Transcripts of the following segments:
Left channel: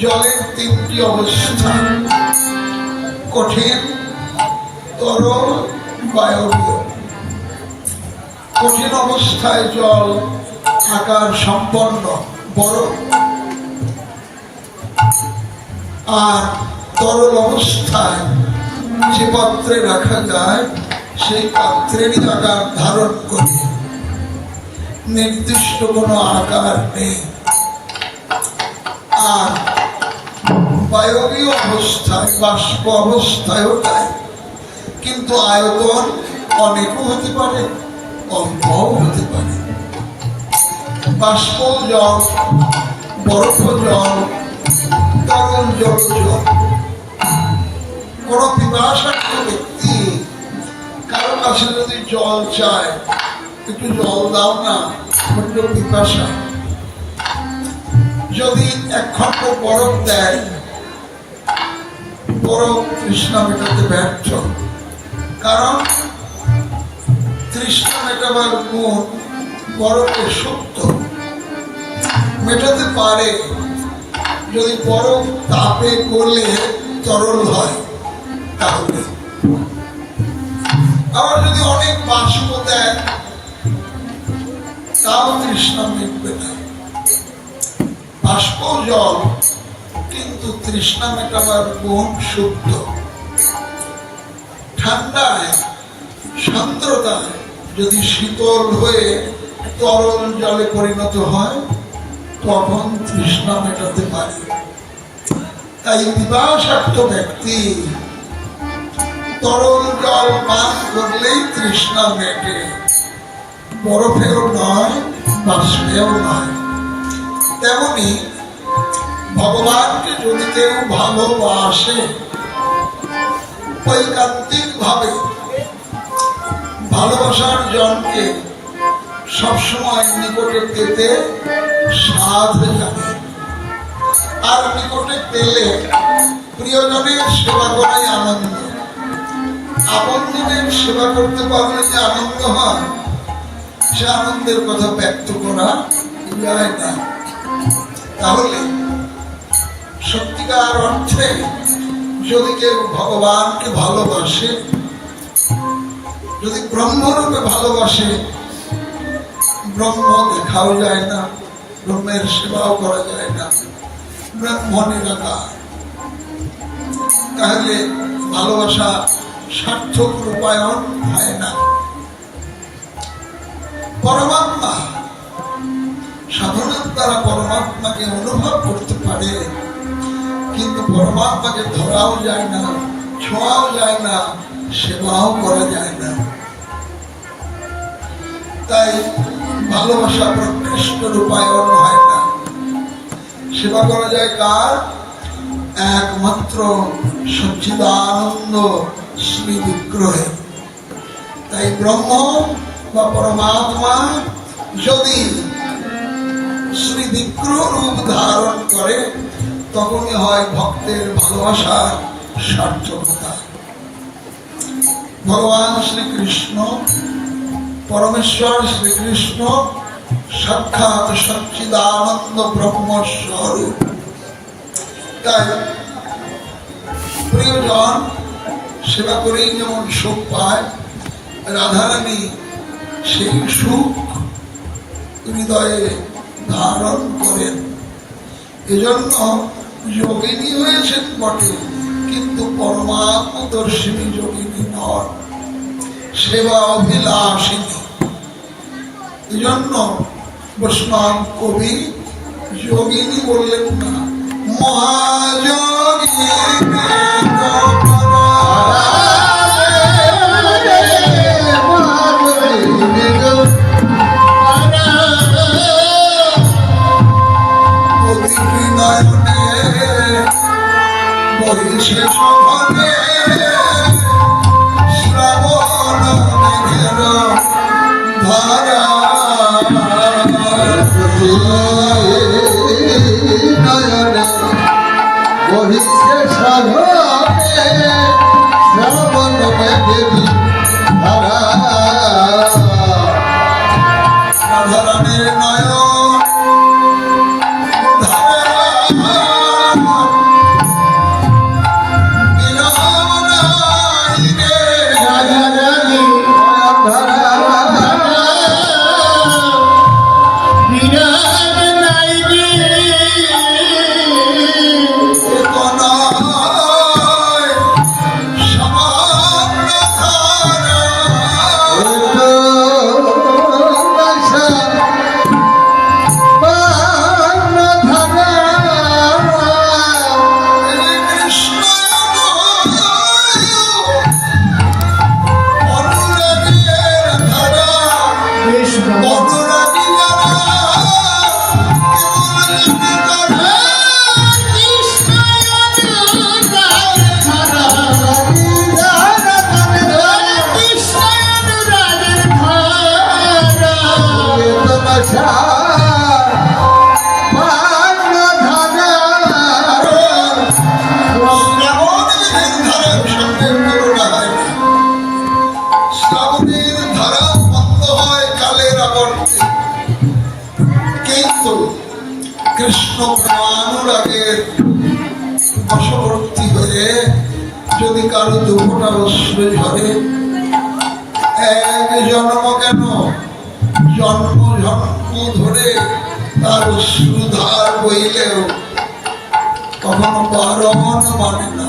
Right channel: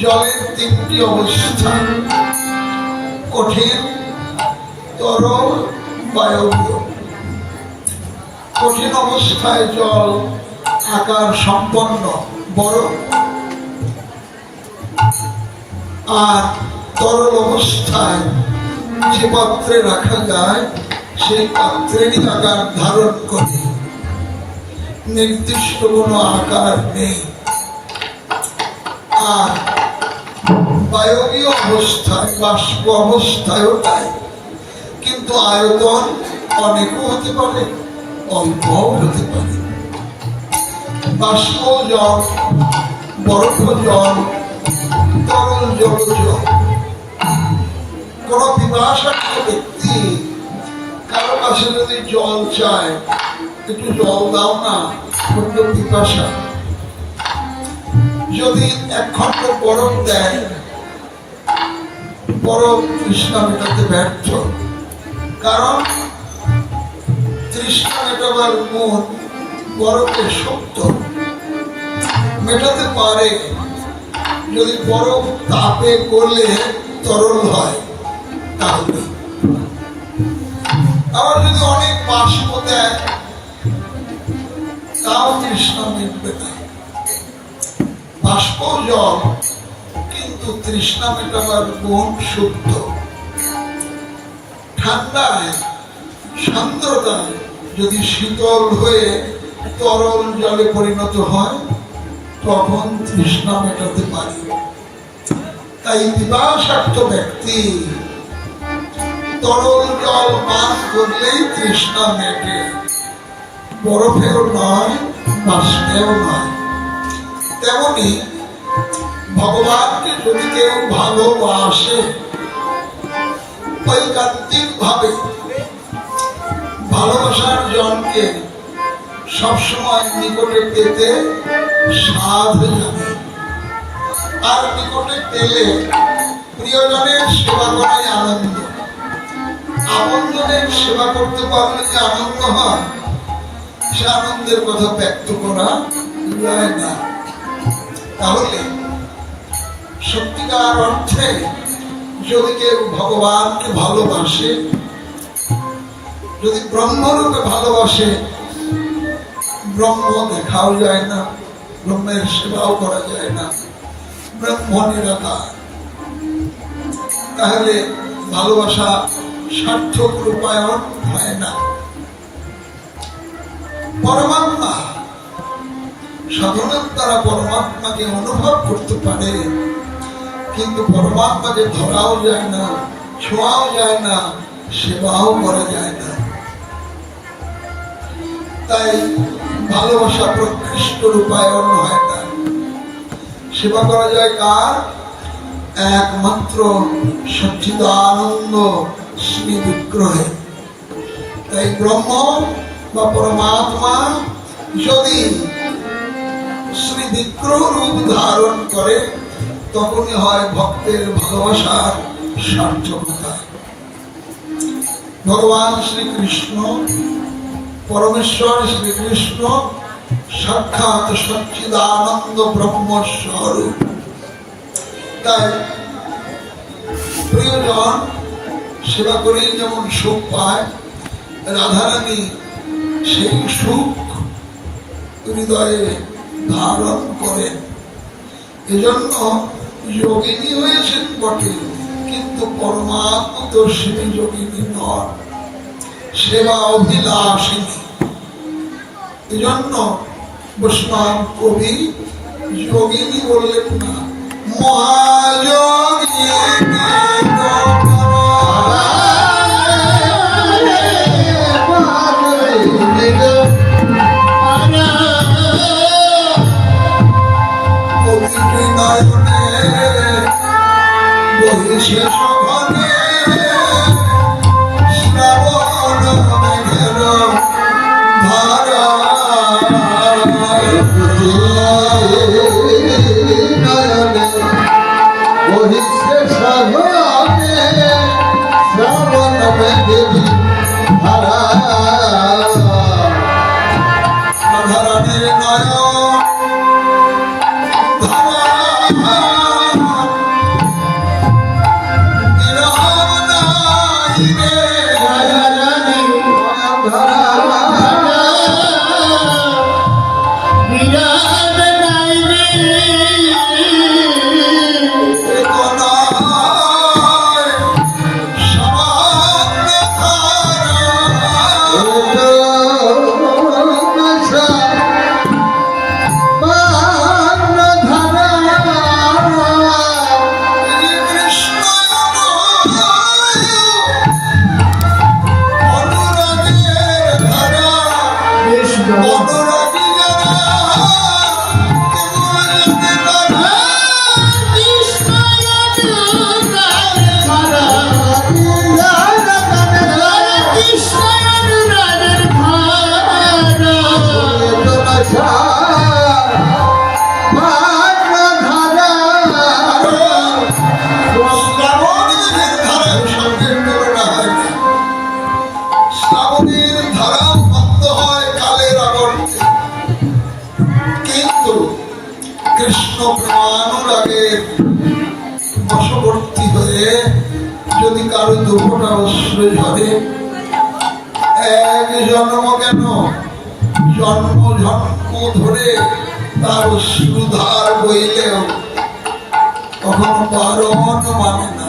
জলের তিনটি অবস্থা কঠিন, তরল, বায়বীয়। কঠিন অবস্থায় জল আকার সম্পন্ন বরফ আর তরল অবস্থায় যে পাত্রে রাখা যায়, সেই পাত্রেরই আকার ধারণ করে। নির্দিষ্ট কোনো আকার নেই। আর অবস্থায় বাষ্প অবস্থায়ও তাই কিন্তু আয়তন অনেকও হতে পারে, অল্পও হতে পারে। বাষ্প জল, বরফ জল, তরল জল জল। কোন ব্যক্তি, কারও কাছে যদি জল চায়, একটু জল দাও না পিপাসা। যদি এক খণ্ড বরফ দেয় তৃষ্ণা মেটাতে ব্যর্থ। কারণ তৃষ্ণা মেটাবার গুণ বরফের সত্য মেটাতে পারে যদি বরফ তাপে করলে তরল হয়, তাহলে। আবার যদি অনেক বাষ্প দেয়, তাও তৃষ্ণা মিটবে না। বাষ্প জল কিন্তু তৃষ্ণা মেটাবার গুণ শুদ্ধ। ঠান্ডায়, সান্দ্রতায় যদি শীতল হয়ে তরল জলে পরিণত হয়, তখন তৃষ্ণা মেটাতে পারে। তাই বিবাসার্থ ব্যক্তি তরল জল পান করলেই তৃষ্ণা মেটে। বরফেও নয়, বাষ্পেও নয়। তেমনি ভগবানকে যদি কেউ ভালোবাসে, ঐকান্তিক ভাবে ভালোবাসার জনকে সবসময় নিকটে পেতে সাধ জানে। আর নিকটে পেলে প্রিয়জনের সেবা করাই আনন্দ। আপনজনের সেবা করতে পারলে যে আনন্দ হয়, সে আনন্দের কথা ব্যক্ত করা যায় না। তাহলে সত্যিকার অর্থে যদি কেউ ভগবানকে ভালোবাসে, যদি ব্রহ্মরূপে ভালোবাসে, ব্রহ্ম দেখাও যায় না, ব্রহ্মের সেবাও করা যায় না, ব্রহ্ম তাহলে ভালোবাসা সার্থক রূপায়ণ হয় না। পরমাত্মা সাধনার দ্বারা পরমাত্মাকে অনুভব করতে পারে। কিন্তু পরমাত্মাকে ধরাও যায় না, ছোঁয়াও যায় না, সেবাও করা যায় না। তাই ভালোবাসা প্রকৃষ্ট রূপায়ণ হয় না। সেবা করা যায় কার? একমাত্র সচ্চিদানন্দ শ্রী বিগ্রহে। তাই ব্রহ্ম বা পরমাত্মা যদি শ্রী বিগ্রহ রূপ ধারণ করে তখনই হয় ভক্তের ভালোবাসার সার্থকতা। ভগবান শ্রীকৃষ্ণ, পরমেশ্বর শ্রীকৃষ্ণ, সাক্ষাৎ সচ্চিদানন্দ ব্রহ্মস্বরূপ। তাই প্রিয়জন সেবা করেই যেমন সুখ পায় রাধারানী সেই সুখ হৃদয়ে ধারণ করেন। এজন্য যোগিনী হয়েছেন বটে, কিন্তু পরমাত্মদর্শিনী যোগিনী নয় সেবা অভিলাষিনী। এজন্য বৈষ্ণব কবি যোগিনী বললেন না মহাযোগিনী তার সুধার হইলেও কখনো বারণ মানে না।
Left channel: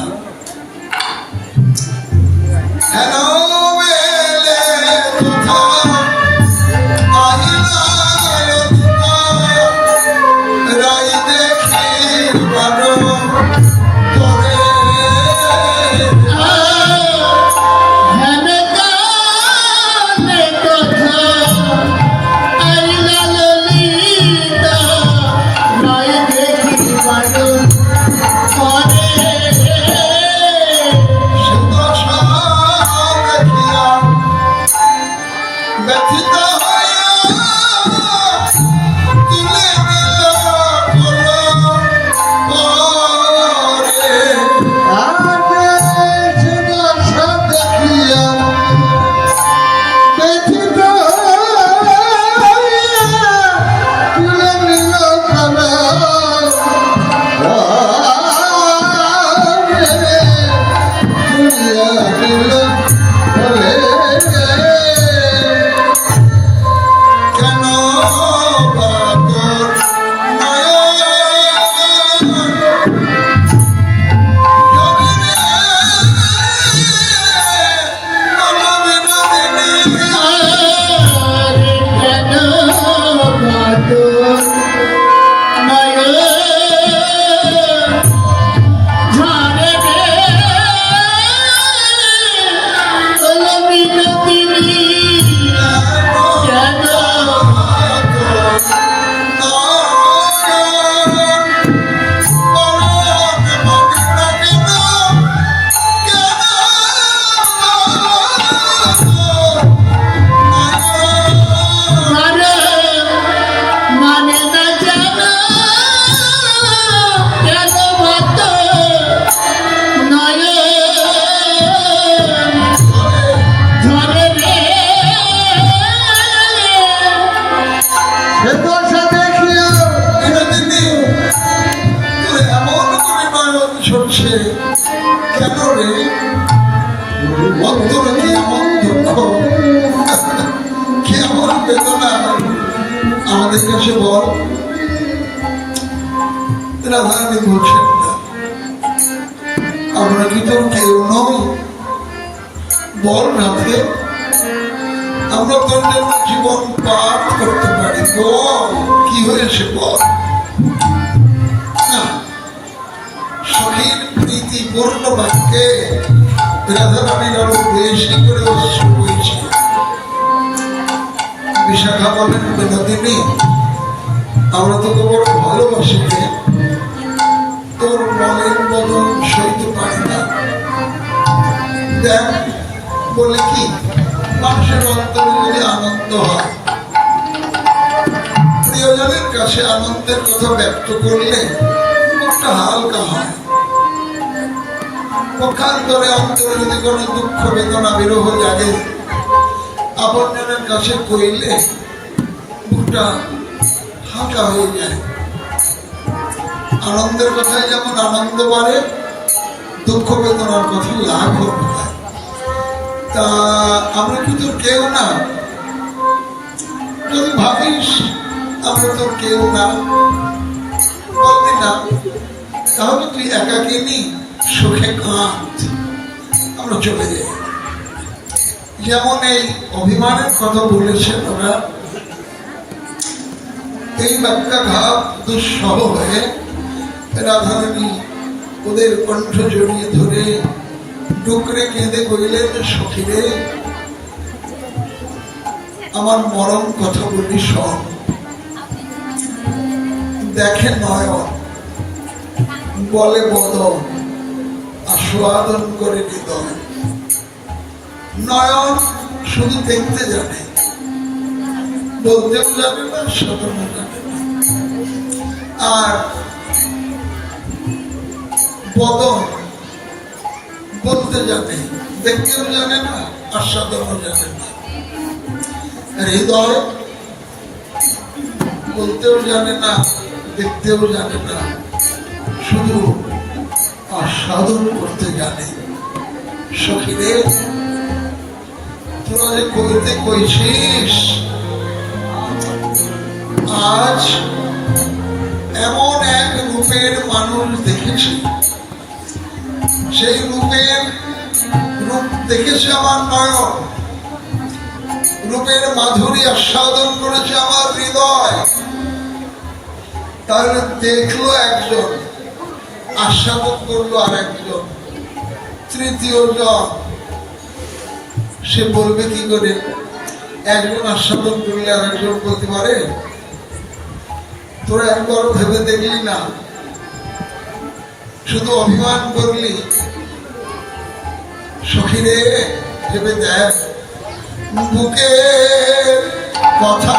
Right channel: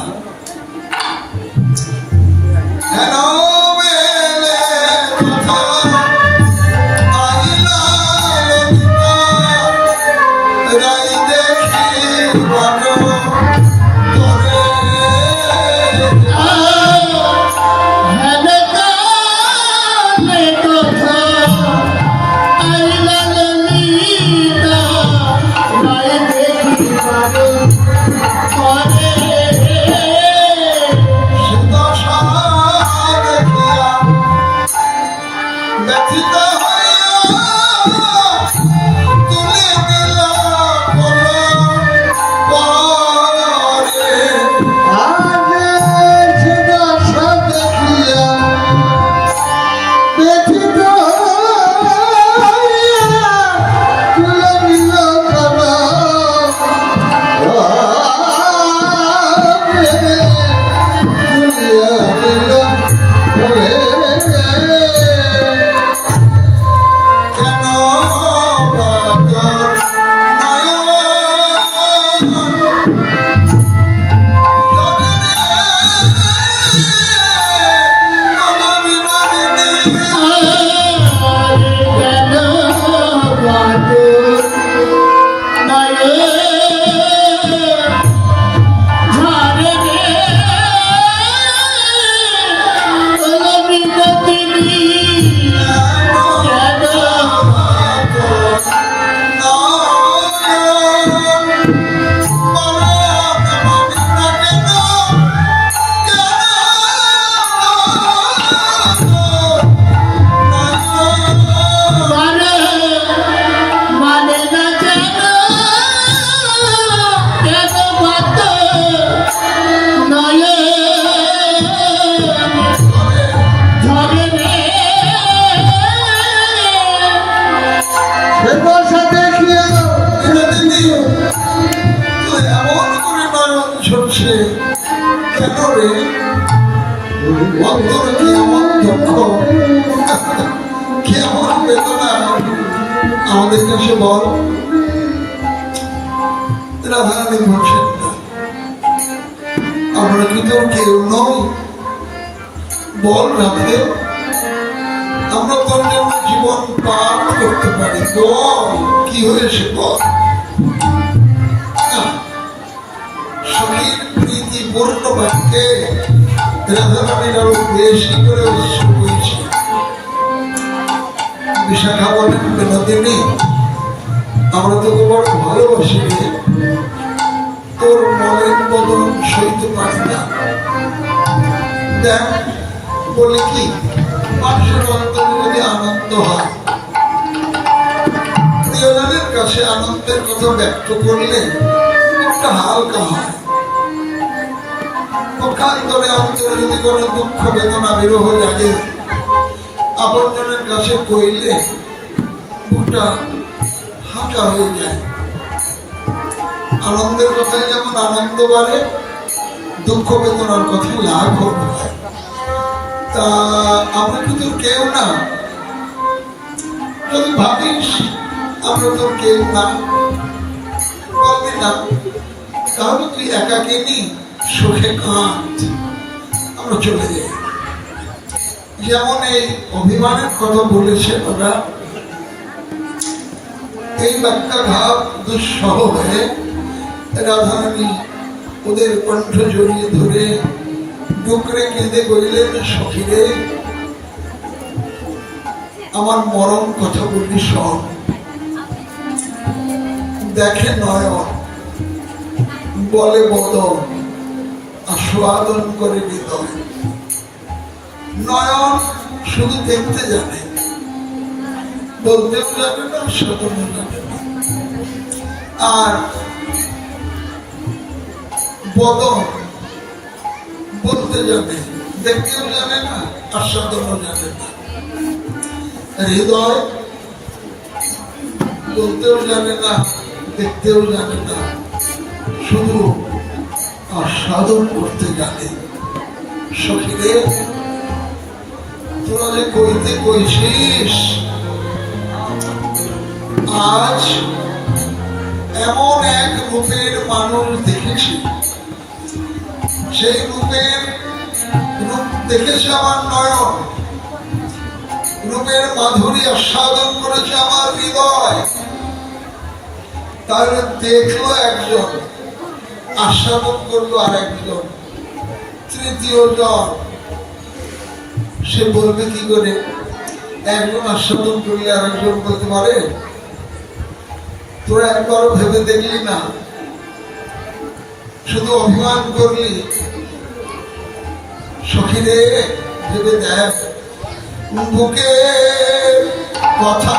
বলছেন আমরা কি তোর কেউ নই বল রাধে আমরা তোর জীবন পাঠ করতে পারি। বল কি হয়েছে বল? করে অশ্রু বইছে বিশাখা বলেন বিনোদিনী আমরা তোকে বড় ভালোবাসি তোর মনের বদল সইতে পারি না। দেখ, বলে কি? মানুষের অন্তরে যদি আনন্দ হয়। প্রিয়জনের কাছে আনন্দের কথা ব্যক্ত করলে একটা হালকা হয়। পক্ষান্তরে অন্তরে যদি কোনো দুঃখ, বেদনা, বিরহ জাগে আপনজনের কাছে কইলে বুকটা হাঁটা হয়ে যায়। আনন্দের কথায় যেমন আনন্দ বাড়ে, দুঃখ বেদনার কথায় লাভ তা আমরা কিন্তু কেউ না? যদি ভাবিস আমরা তো কেউ না, বলবি না। তাহলে তুই একাকিনী সুখে কাঁদ। আমরা চলে যাই। যেমন এই অভিমানের কথা বলেছে ওরা, এই বাক্যাঘাত দুঃসহ হয়ে রাধারানী ওদের কণ্ঠ জড়িয়ে ধরে ডুকরে কেঁদে কইলেন সখিরে, আমার মরম কথা বলি শোন। দেখে নয়ন, বলে বদন আস্বাদন করে হৃদয় নয়ন শুধু দেখতে জানে, বলতেও জানে না শোধনও আর বদন বলতে জানে দেখতেও জানে না আস্বাদনও জানে না হৃদয় বলতেও জানে না, দেখতেও জানে না। শুধু আস্বাদন করতে জানে সখীরে কইছিস আজ এমন এক রূপের মানুষ সেই রূপের রূপ দেখেছে আমার নয়ন। রূপের মাধুরী আস্বাদন করেছে আমার হৃদয়। তার দেখল একজন, আস্বাদন করল আর একজন তৃতীয় জন। সে বলবে, কি করে? একজন আস্বাদন করলে আর একজন বলতে পারে? তোরা একবার ভেবে দেখলি না। শুধু অভিমান করলি। সখীরে ভেবে দেখ বুকে কথা